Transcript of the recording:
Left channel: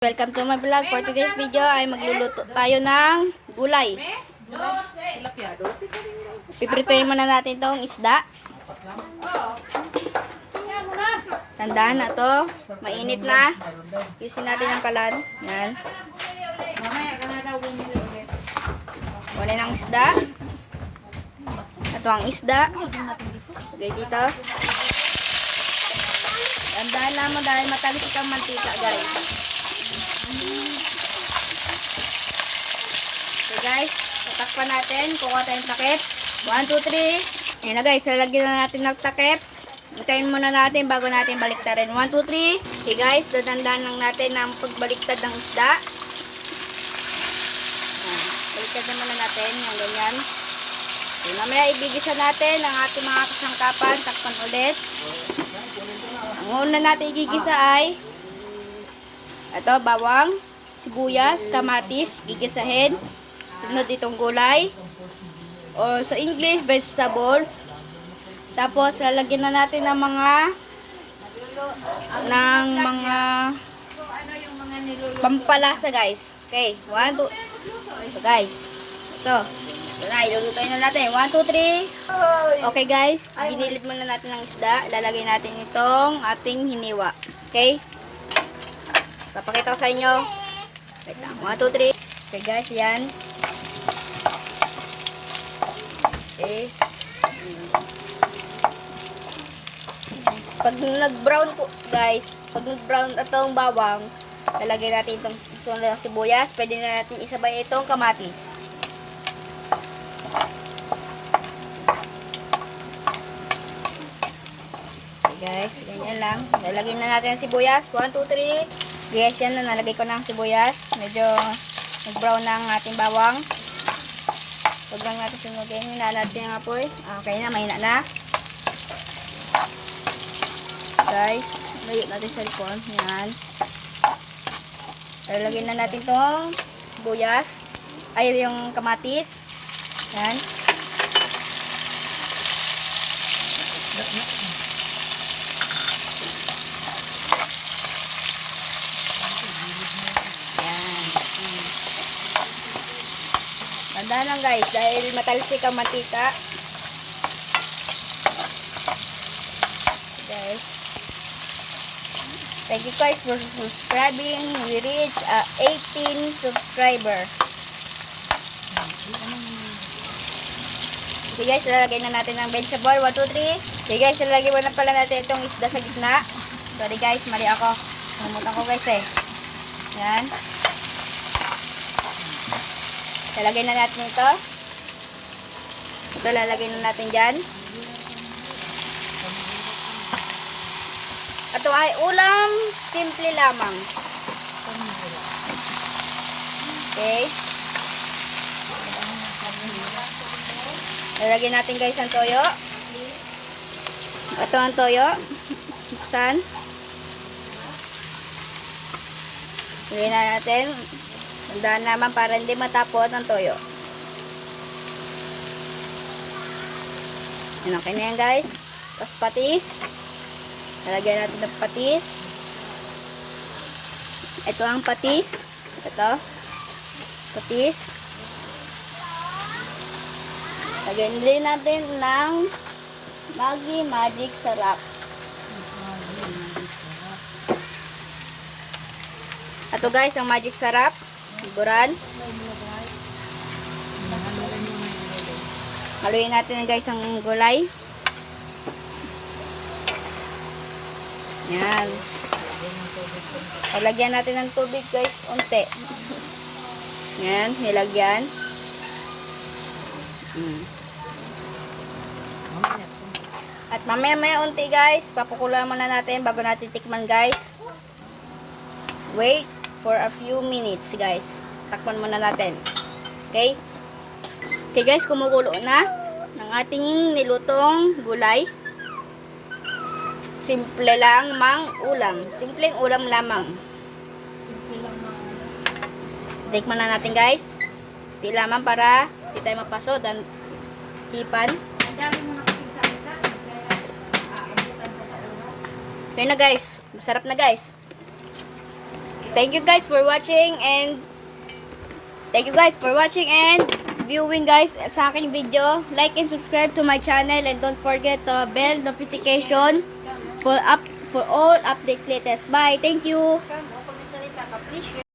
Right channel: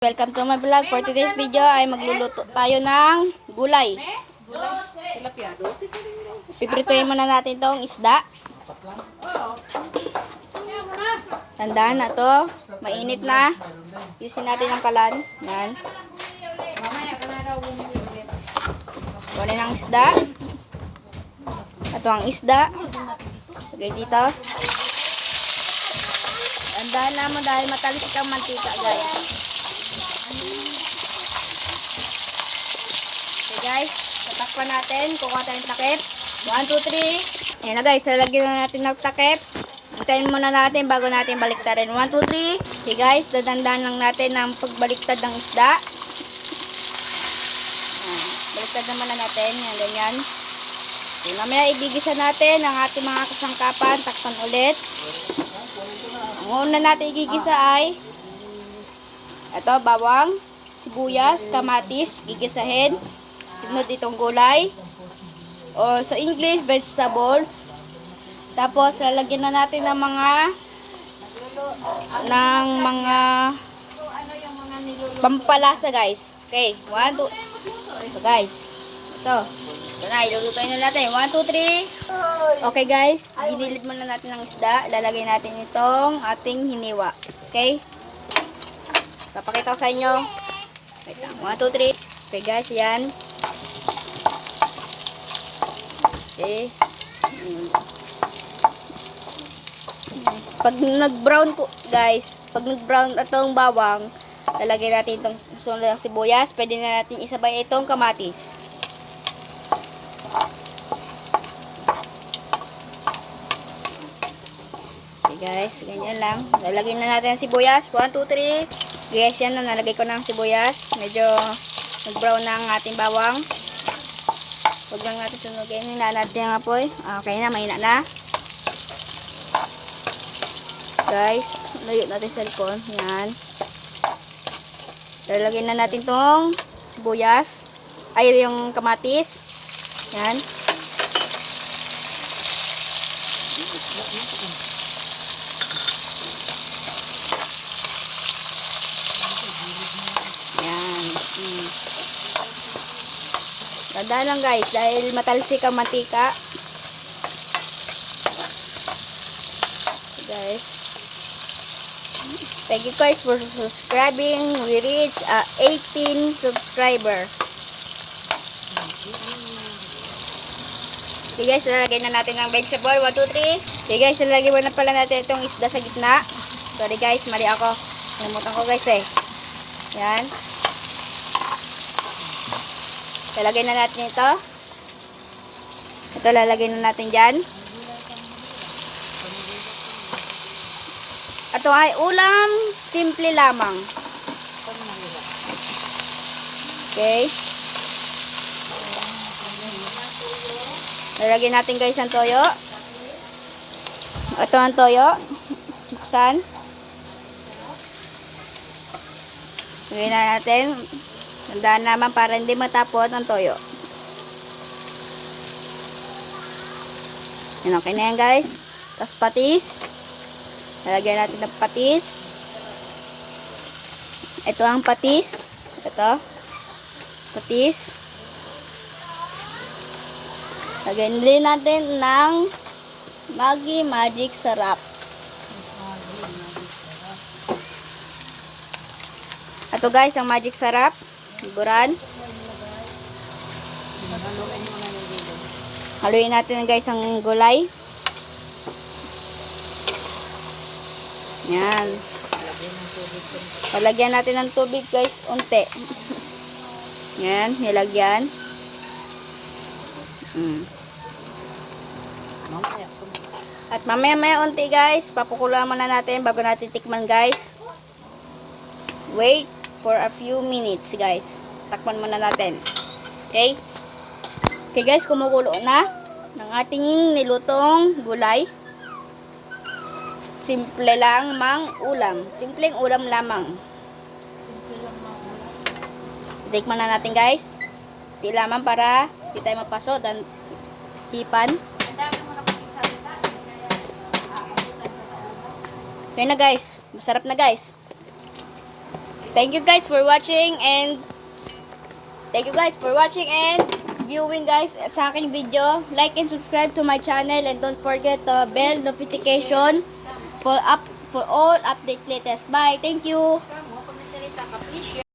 Welcome to my vlog. For today's video ay magluluto tayo ng gulay. Piprituin muna natin tong isda. Tandaan na to. Mainit na. Yusin natin ang kalan. Yan. Kunin ang isda. Ito ang isda. Lagay dito. Tandaan naman dahil matalis ang mantika, guys. Okay guys, tatakpan natin. Kukuha tayong takip. 1, 2, 3. Ayan na guys, lalagyan na natin ng takip. Hintayin muna natin bago natin baliktarin. 1, 2, 3. Okay guys, dadandaan lang natin ang pagbaliktad ng isda. Ayan, baliktad naman na natin yung ganyan. Okay, mamaya ibigisa natin ang ating mga kasangkapan. Takpan ulit. Ang una natin igigisa ay ito, bawang, sibuyas, kamatis, gigisahin. Sunod itong gulay. O sa English, vegetables. Tapos, lalagyan na natin ng mga pampalasa, guys. Okay, 1, 2. Ito, guys. Ito na, ilulutuin na natin. 1, 2, 3. Okay, guys. Ginilid muna natin ng isda. Lalagay natin itong ating hiniwa. Okay? Papakita ko sa inyo. Wait lang. 1, 2, 3. Okay guys, yan. Okay. Pag nag-brown po, guys, pag nag-brown itong bawang, lalagay natin itong sunod ng sibuyas. Pwede na natin isabay itong kamatis. Okay guys, ganyan lang. Lalagay na natin ang sibuyas. 1, 2, 3. Guys, yan na, nalagay ko ng sibuyas. Medyo nag-brown na ang ating bawang. Huwag lang natin sunugin. Hinaan natin ang apoy. Okay na, mahina na. Guys, mayot natin sa likod. Yan. So, ilagay na natin tong sibuyas. Ay, yung kamatis. Yan. Tanda lang guys, dahil matalsik ang mantika. Guys, thank you guys for subscribing. We reached 18 subscribers. Okay guys, lalagay na natin ng vegetable. 1, 2, 3. Okay guys, lalagay na pala natin itong isda sa gitna. Sorry guys, mali ako. Nalimutan ko guys eh. Yan. Lalagay na natin ito. Ito lalagay na natin dyan. Ito ay ulam simple lamang. Okay. Lalagay natin guys ang toyo. Ito ang toyo. Buksan. Lagay na natin. Tandaan naman para hindi matapon ang toyo. Yan, okay na yan guys. Tapos patis. Lalagyan natin ng patis. Ito ang patis. Ito. Patis. Lagyan din natin ng Maggi Magic Sarap. Ito guys, ang Magic Sarap. Higuran. Haluin natin guys ang gulay. Yan. Palagyan natin ng tubig guys, unti. Yan, nilagyan. At mamaya unti guys, papukulan muna natin bago natin tikman guys. Wait for a few minutes guys. Takpan muna natin. Okay? Okay guys, kumukulo na ng ating nilutong gulay. Simple lang mang ulam. Simpleng ulam lamang. Tikman na natin guys. Di lamang para di tayo mapaso dan hipan. Okay na guys. Masarap na guys. Thank you guys for watching and viewing guys sa aking video. Like and subscribe to my channel and don't forget to bell notification for all update latest. Bye. Thank you.